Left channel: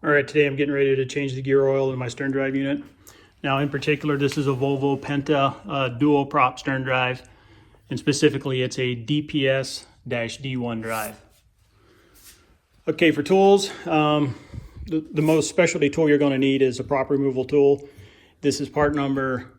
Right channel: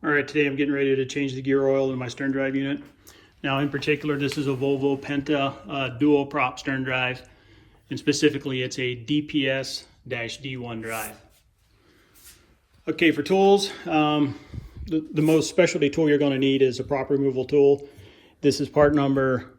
All right, today I'm getting ready to change the gear oil in my stern drive unit. Now in particular, this is a Volvo Penta Duoprop stern drive, and specifically it's a DPS-D1 drive. Okay, for tools, the most specialty tool you're going to need is a prop removal tool. This is part number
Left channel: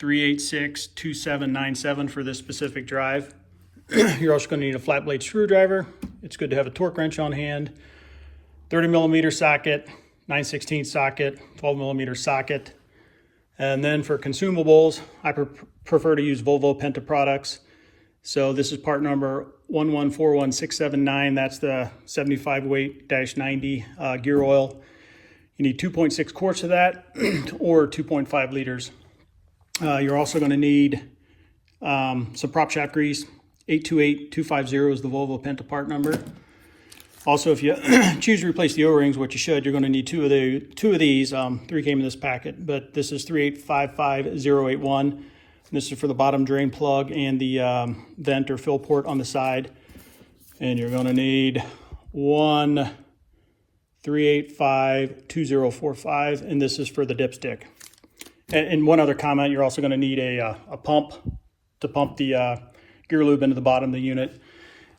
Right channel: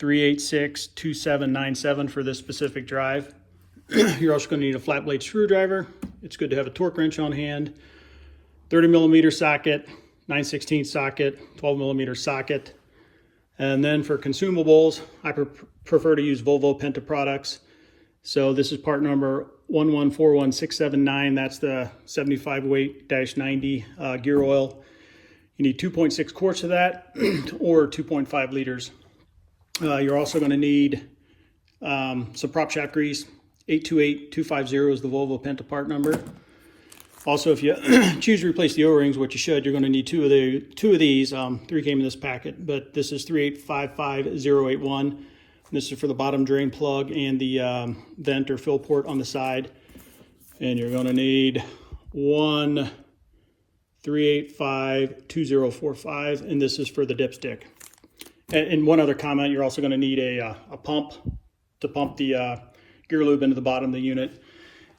3862797 for this specific drive. You're also going to need a flat blade screwdriver. It's good to have a torque wrench on hand. 30mm socket, 9/16 socket, 12mm socket. And then for consumables, I prefer to use Volvo Penta products. So this is part number 1141679. That's the 75 weight -90 gear oil. You need 2.6 quarts of that or 2.5 liters. You're also going to need some prop shaft grease. 828250 is the Volvo Penta part number. Also, if you choose to replace the O-rings, which you should, you're going to need two of these. Three came in this packet, but this is 3855081. This is for the bottom drain plug and the vent or fill port on the side. And you're going to need one 3852045, and this is for the dipstick. And one other comment, you're also going to need a pump to pump the gear lube into the bottom of the unit.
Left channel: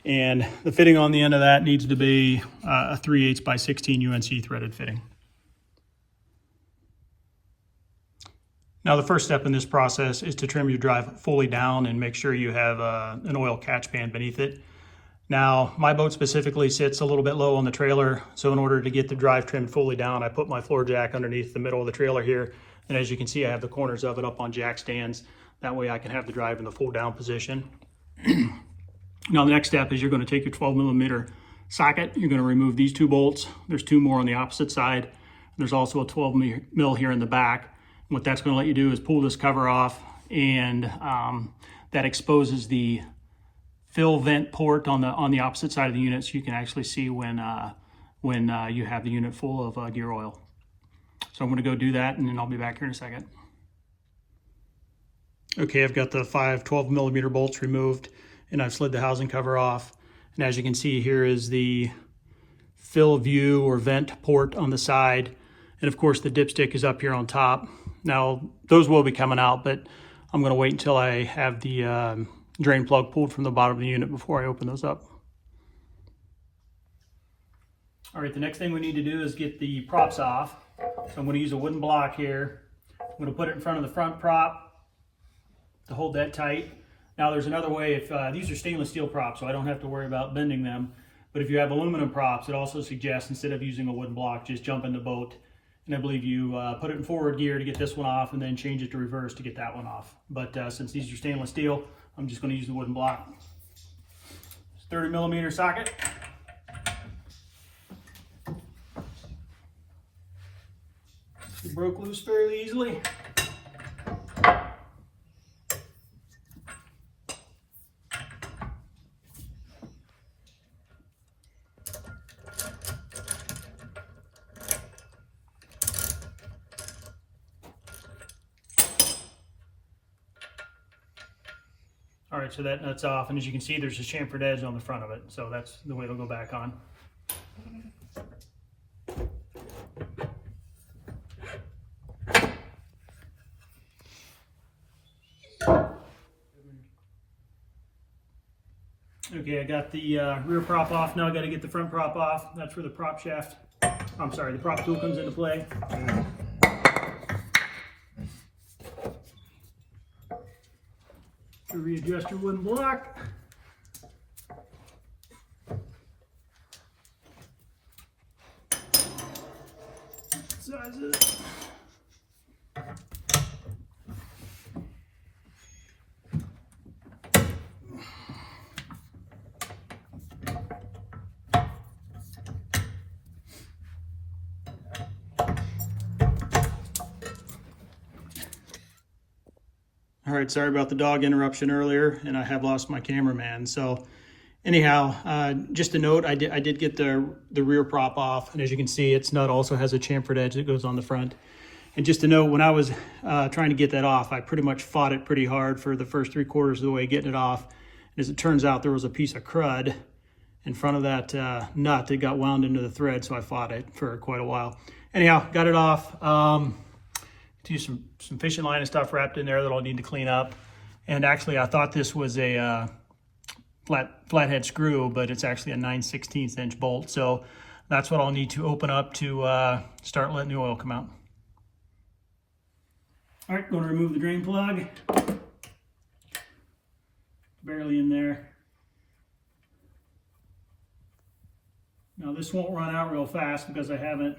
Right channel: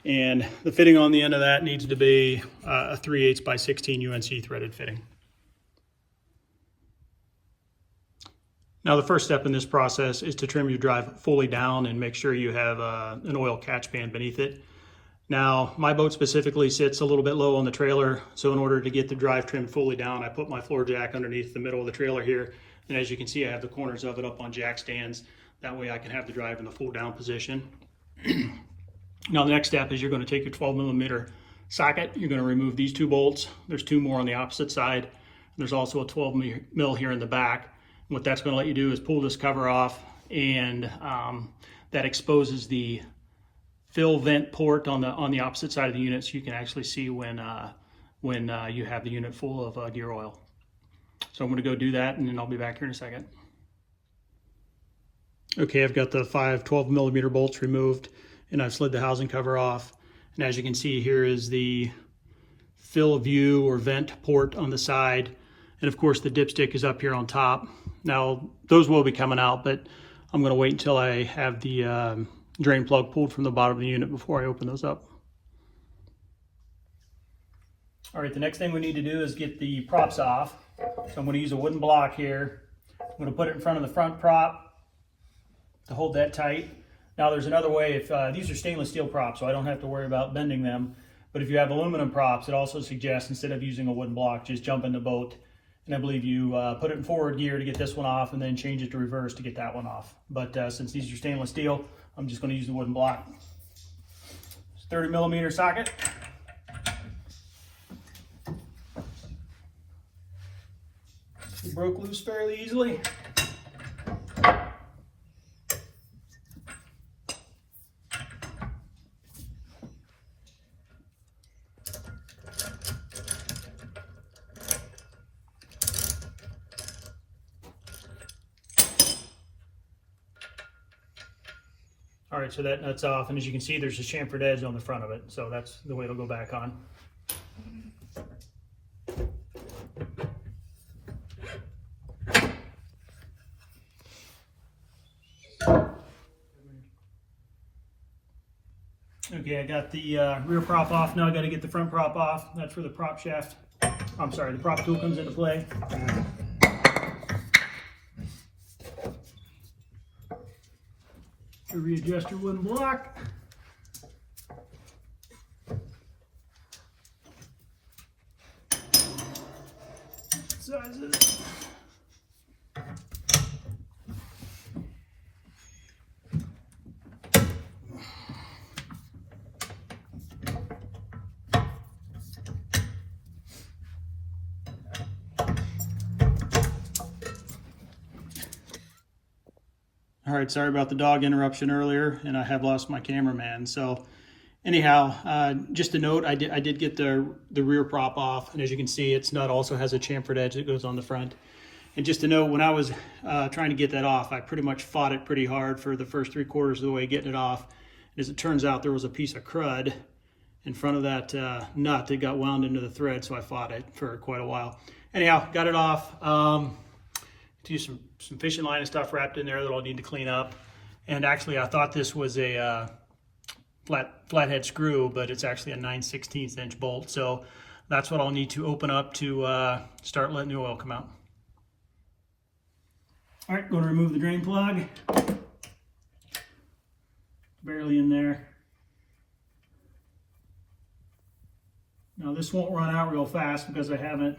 And the fitting on the end of that needs to be a 3/8 by 16 UNC threaded fitting. Now the first step in this process is to trim your drive fully down and make sure you have an oil catch pan beneath it. Now my boat specifically sits a little bit low on the trailer, so in order to get the drive trimmed fully down, I put my floor jack underneath the middle of the trailer here. And as you can see, I have the corners of it up on jack stands. That way I can have the drive in the full down position. Now the next step is you're going to take your 12mm socket. You're going to remove these two bolts. There's two more on the opposite side. There's also a 12mm here in the back. What that's going to let you do is pull this cover off, and that exposes the fill vent port on the opposite side of the unit, so you can actually see when you have the unit full of gear oil. So I'm going to go do that, and then I'll be back here in a second. Okay, I've got the 5 12mm bolts removed, and I've slid the housing cover off. And as you can see, here is the fill view or vent port on the side. And of course the dipstick is up here on top. Now those will be coming out, but I'm gonna wait until I have the drain plug pulled from the bottom of the unit before I open those up. All right, the next thing we need to do is get the props off. So I'm gonna use a wooden block here. I'm gonna put it in front of the front prop to hold that tight. Now there's another way. If these are stainless steel props, so I don't have to worry about bending them. But if you have aluminum props, it also suggests instead of using a wooden block, just jump in the boat. And I believe you put it in forward gear to get this one off, and then change it to reverse to get that one off. But since these are stainless steel, I'm just going to use the wooden block. 30mm socket. It broke loose fairly easily. All right, so that nut's off, and as you can see, there's a chamfered edge on the front of it, so that's the way it'll go back on. Okay, I got the rear prop off. Now I got to get the front prop off. That's where the prop shaft, I'm sorry, the prop tool comes into play. To readjust your wooden block. Size it. All right, sorry about the dog interruption earlier, and I have lost my cameraman. So anyhow, just a note, I did get the rear prop off, and as you can see, its nut also has a chamfered edge that goes on the front. And just to note, when I was trying to get that off, I pretty much fought it pretty hard for the first 3/4 of the way getting it off. As it turns out, there was a piece of crud in front of that nut that got wound into the thread, so I fought it for quite a while. Anyhow, got it off. Use some fishing line and stuff wrapped in there that I'll need to clean up. And actually, I thought this was a flathead screw, but it's actually a 9/16 inch bolt. So that's what I'll need to open up to start letting the oil come out. All right, going to remove the drain plug. Barely in there. Now this won't run out real fast because I haven't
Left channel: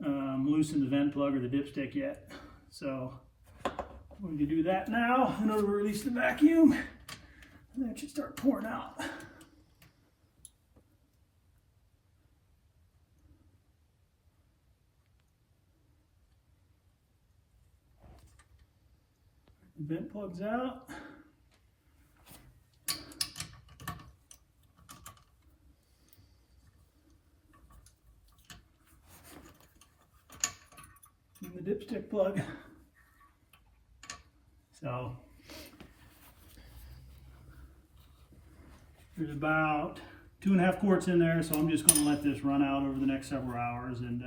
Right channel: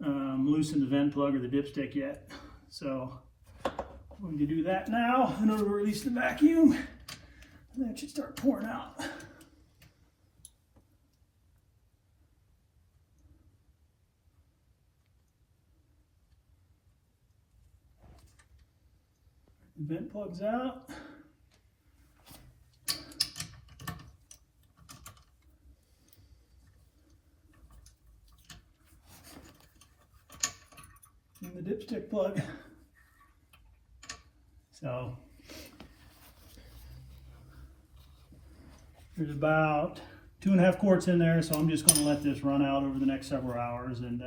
loosened the vent plug or the dipstick yet. So I'm going to do that now in order to release the vacuum. And that should start pouring out. The vent plug's out. And the dipstick plug. So there's about 2.5 quarts in there, so I'm just going to let this run out over the next several hours, and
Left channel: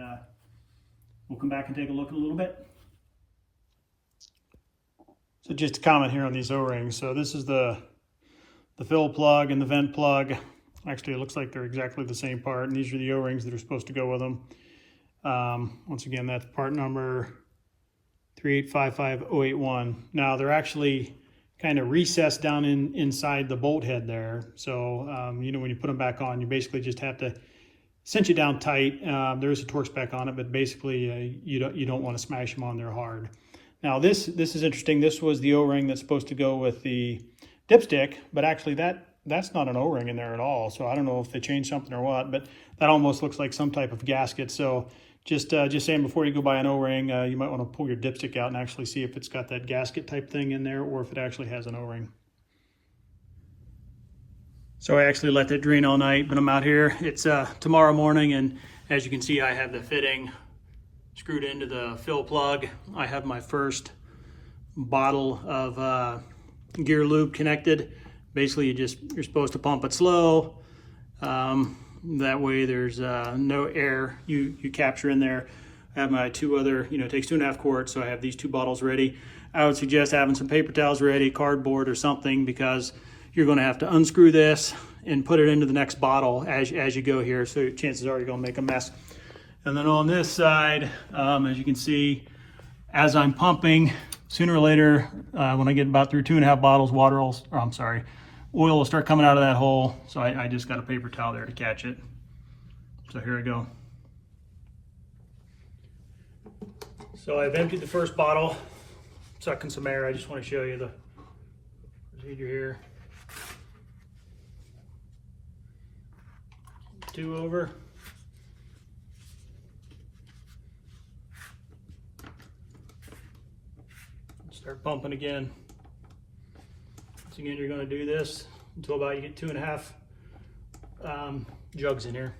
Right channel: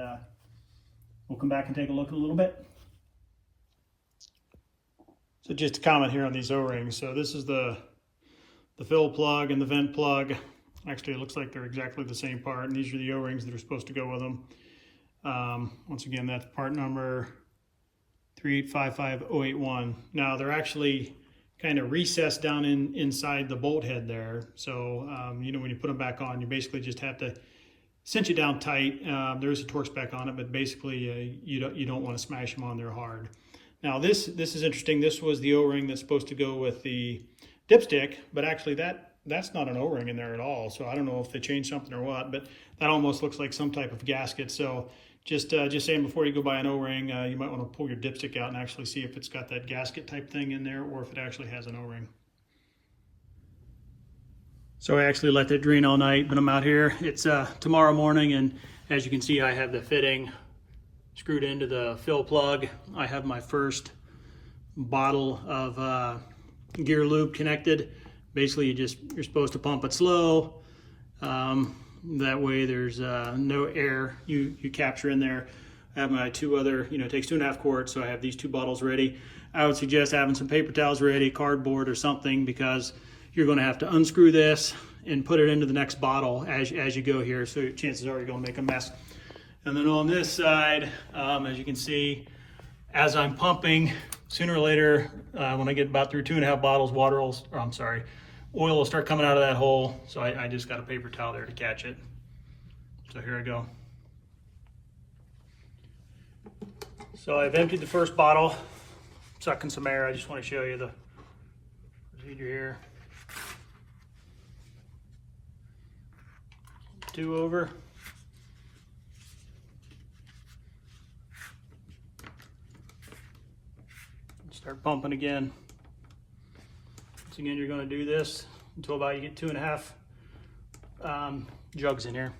we'll come back and take a look in a little bit. So just a comment here on these O-rings. So this is the fill plug and the vent plug. Actually, it looks like they're exactly the same part, and these are the O-rings that are supposed to go with them. Once again, that's part number 3855081. Now they're actually kind of recessed down inside the bolt head there. So, you know, when you put them back on, you basically just have to cinch it down tight. There is a torque spec on it, but basically you don't want to smash them on there hard. Now this is interesting. This was the O-ring that's supposed to go with the dipstick, but actually that's not an O-ring in there at all. So I don't know if they changed something or what, but that almost looks like some type of gasket. So just saying, before you go buy an O-ring, you might want to pull your dipstick out and actually see if it's got that gasket type thing in there or if it actually has an O-ring. So I actually let that drain all night, but I'm out here. It's tomorrow morning, and as you can see, I have the fitting screwed into the fill plug. I have my first bottle of gear lube connected. Basically, you're supposed to pump it slow. That way there's no air you capture in there. I have my two other, it takes 2.5 quarts, so I have these 2 bottles ready. I would suggest having some paper towels ready, cardboard or something, because you're going to have to unscrew this and put it into the next bottle as you go here, so chances are you're going to make a mess. And then on this side, as you can see, as I'm pumping, sooner or later, when I get about through 2.5 bottles, oil will start coming out of that hole. So I just got a paper towel there to catch it. So here I go. So I've emptied the first bottle, sucking some air. I just want to show you the procedure here. 2 over. Start pumping again. Once again, you're going to do this until about you get 2.5 jugs in here.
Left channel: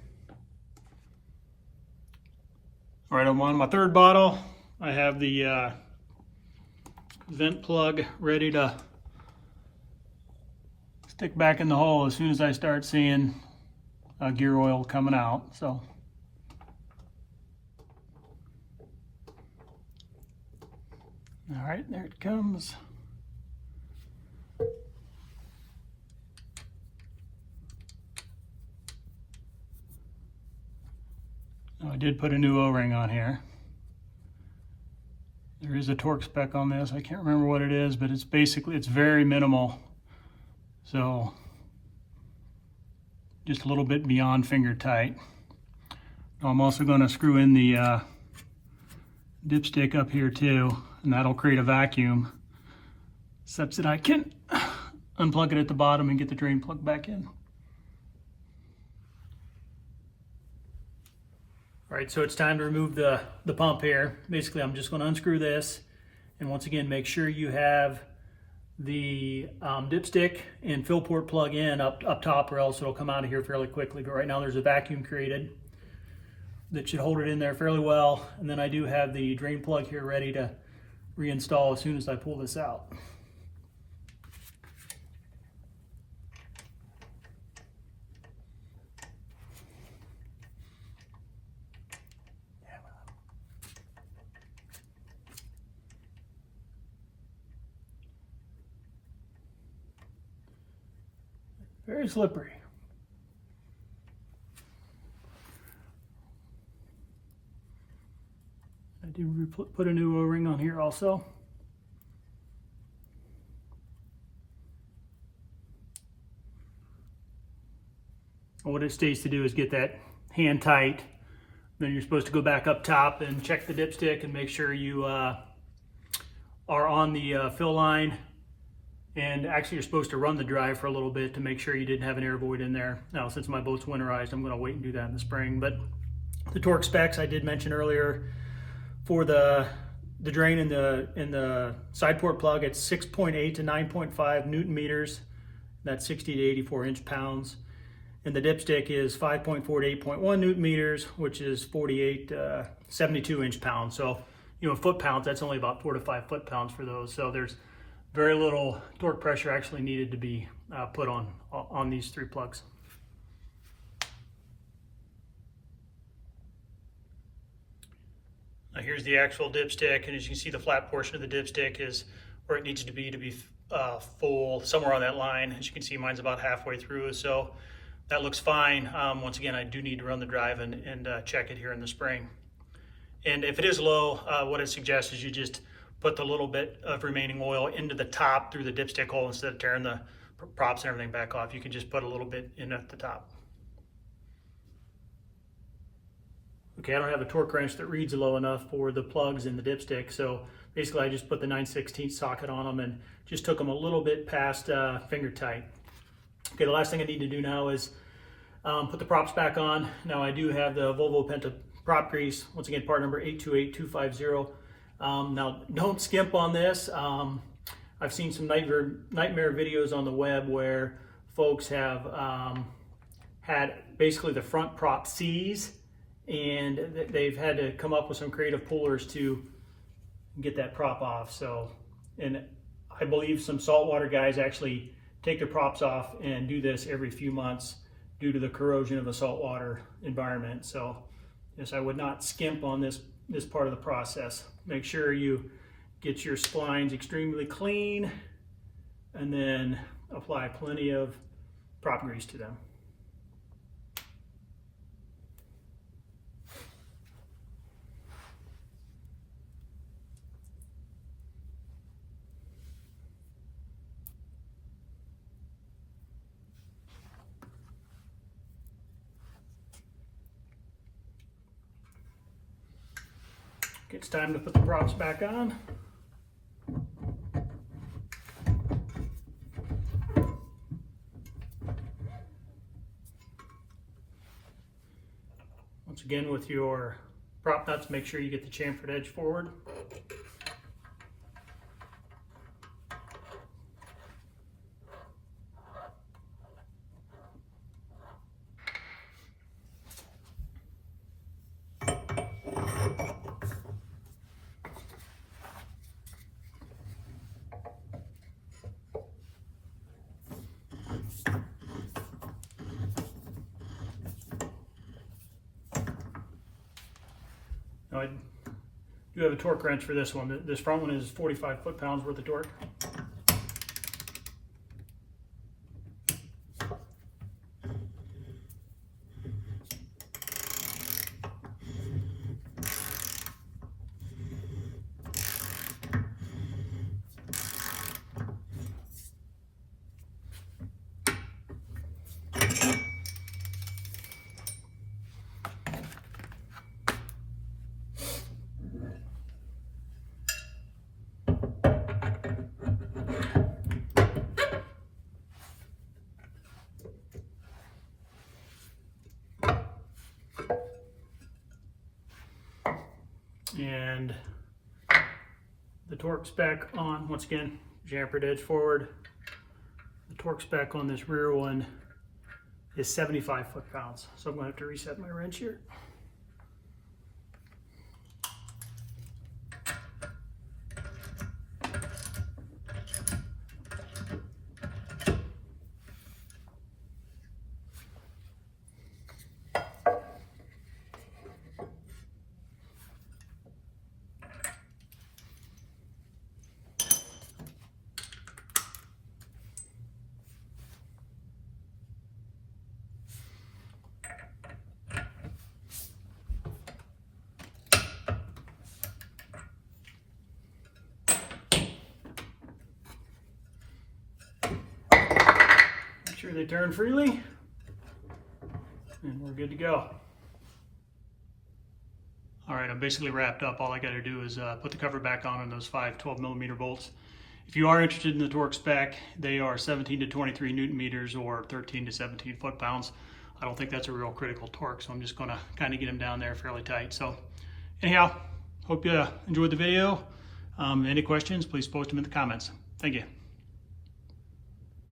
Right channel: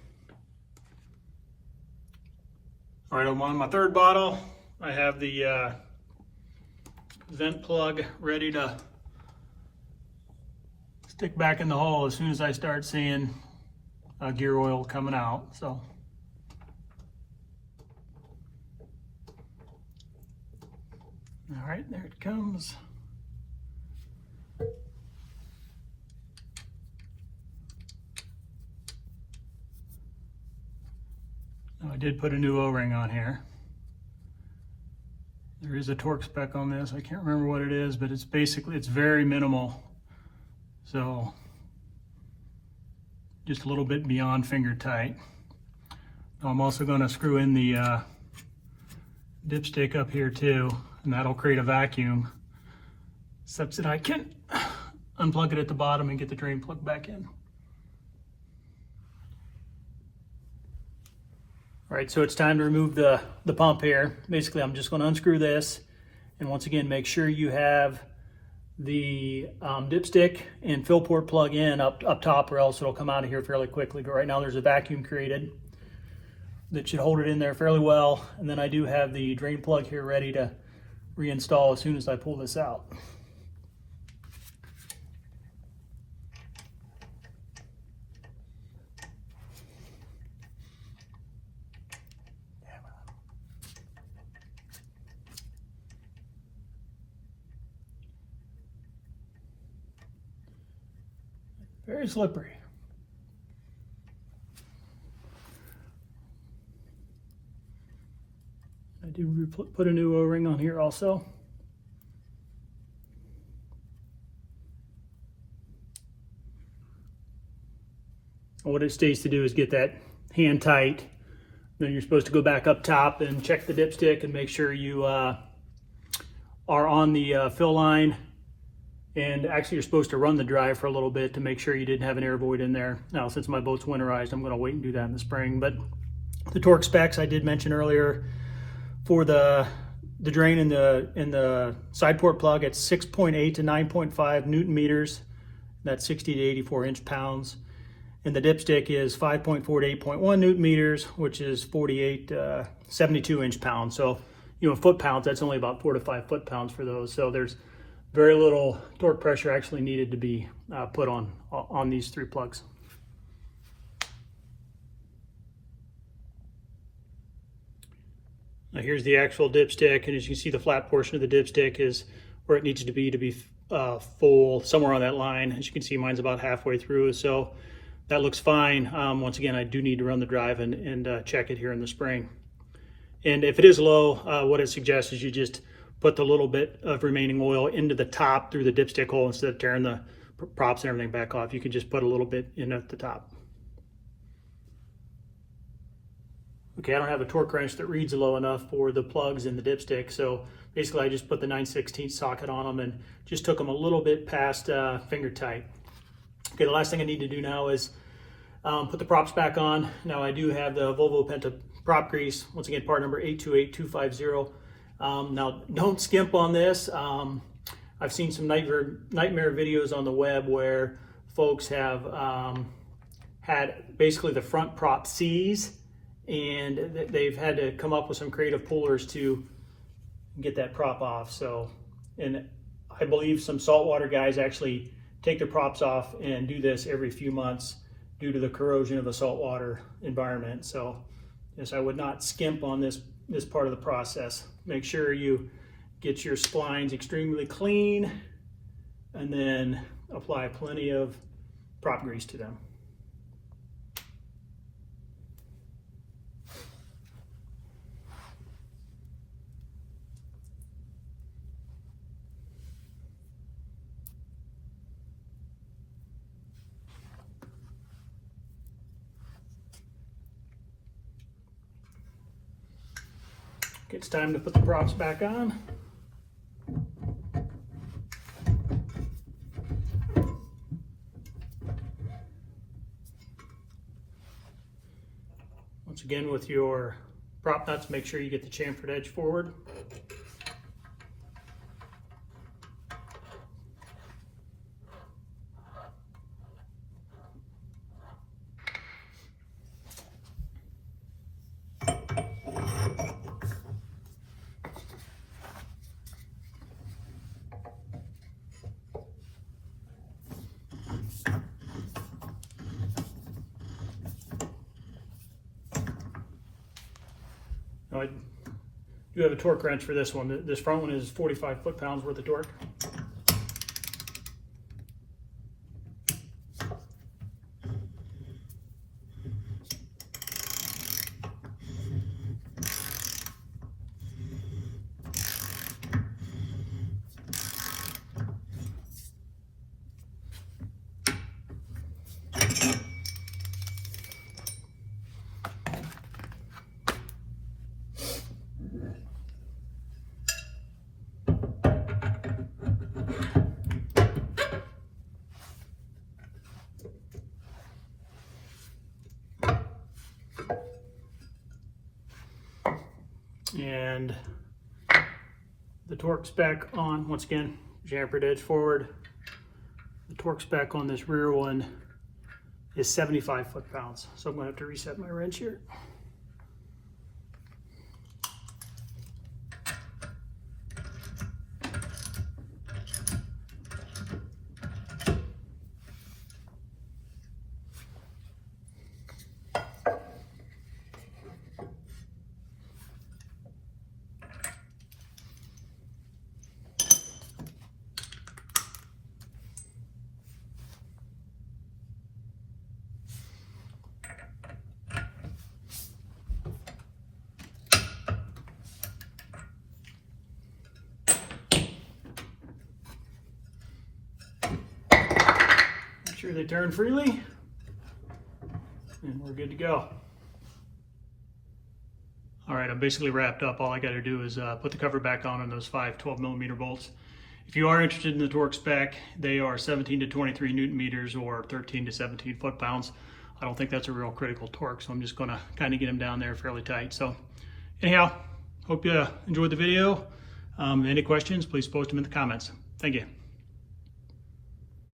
All right, I'm on my 3rd bottle. I have the vent plug ready to stick back in the hole as soon as I start seeing gear oil coming out. So all right, there it comes. Now I did put a new O-ring on here. There is a torque spec on this. I can't remember what it is, but it's very minimal. So just a little bit beyond finger tight. I'm also going to screw in the dipstick up here too, and that'll create a vacuum such that I can unplug it at the bottom and get the drain plug back in. All right, so it's time to remove the pump here. Basically, I'm just going to unscrew this, and once again, make sure you have the dipstick and fill port plug in up top, or else it'll come out of here fairly quickly. But right now there's a vacuum created that should hold it in there fairly well. And then I do have the drain plug here ready to reinstall as soon as I pull this out. very slippery. I do put a new O-ring on here also. And what it states to do is get that hand tight. Then you're supposed to go back up top and check the dipstick and make sure you are on the fill line. And actually you're supposed to run the drive for a little bit to make sure you didn't have an air void in there. Now, since my boat's winterized, I'm gonna wait and do that in the spring. But the torque specs I did mention earlier, for the drain in the side port plug, it's 6.8 to 9.5 Newton meters. That's 60 to 84 inch-pounds. And the dipstick is 5.4 to 8.1 Newton meters, which is 48 to 72 inch-pounds. So, you know, foot-pounds, that's only about 4 to 5 foot-pounds for those. So there's very little torque pressure actually needed to be put on these 3 plugs. Now here's the actual dipstick, and as you can see, the flat portion of the dipstick is where it needs to be full, somewhere on that line. As you can see, mine's about halfway through, so that looks fine. Once again, I do need to run the drive and check it here in the spring. And if it is low, what I suggest is you just put the little bit of remaining oil into the top through the dipstick hole instead of tearing the props and everything back off. You can just put a little bit in at the top. Okay, I don't have a torque wrench that reads low enough for the plugs in the dipstick, so basically I just put the 9/16 socket on them and just took them a little bit past finger tight. Okay, the last thing I need to do now is put the props back on. Now I do have the Volvo Penta prop grease, once again part number 828250. Now don't skimp on this. I've seen some nightmare videos on the web where folks have had basically the front prop seize, and they've had to come up with some creative pullers to get that prop off. So, and I believe some saltwater guys actually take their props off and do this every few months due to the corrosion of the saltwater environment. So yes, I would not skimp on this part of the process. Make sure you get your splines extremely clean and then apply plenty of prop grease to them. It's time to put the props back on. Once again, with your prop nuts, make sure you get the chamfered edge forward. Now I do have a torque wrench for this one. This front one is 45 foot-pounds worth of torque. And the torque spec on, once again, chamfered edge forward. The torque spec on this rear one is 75 foot-pounds. So I'm going to have to reset my wrench here. sure they turn freely, and we're good to go. All right, I'm basically wrapped up. All I got to do is put the cover back on those 5 12mm bolts. If you are interested in the torque spec, they are 17 to 23 Newton meters or 13 to 17 foot-pounds. I don't think that's a real critical torque, so I'm just gonna kind of get them down there fairly tight. So anyhow, hope you enjoyed the video. Any questions, please post them in the comments. Thank you.